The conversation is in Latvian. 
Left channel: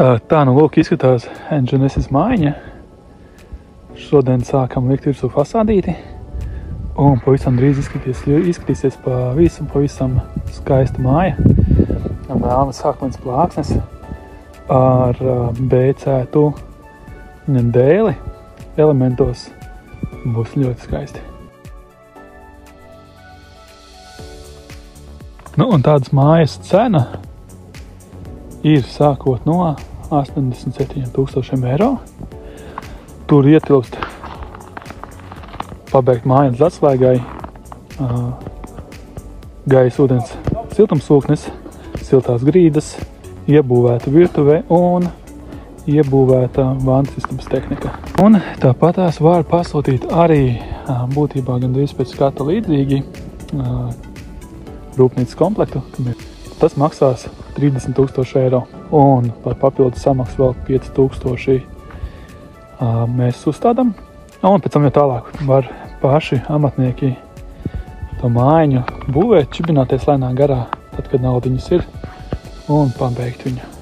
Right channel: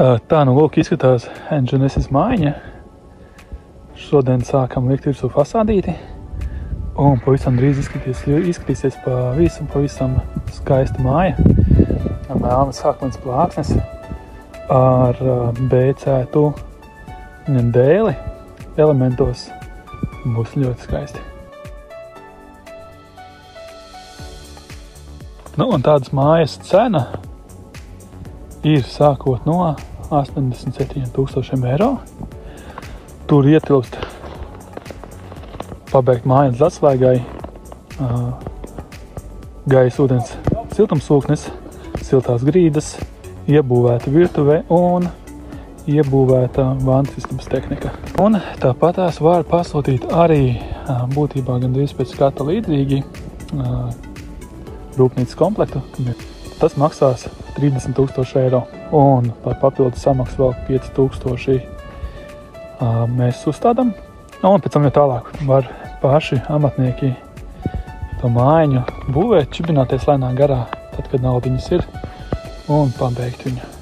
Tā nu lūk izskatās Genesis mājiņa. Šodien sākam likt virsū fasādīti. Un pavisam drīz izskatīsies pavisam skaista māja. Melnas sākmens plāksnes ar bēcētu dēli elementos. Būs ļoti skaisti. Nu, un tādas mājas cena ir sākot no 87,000 eiro. Tur ietilpst pabeigt māju līdz atslēgai, gaisa, ūdens siltumsūknis, siltās grīdas, iebūvēta virtuve un iebūvēta vantasistabas tehnika. Un tāpatās var pasūtīt arī būtībā gandrīz pēc skata līdzīgi rūpnīcas komplektu. Tas maksās 30,000 eiro un par papildu samaksu vēl 5,000 mēs uzstādām. Un pēc tam jau tālāk var paši amatnieki to mājiņu būvēt, čibināties lēnā garā, tad, kad naudiņas ir, un pabeigt viņu.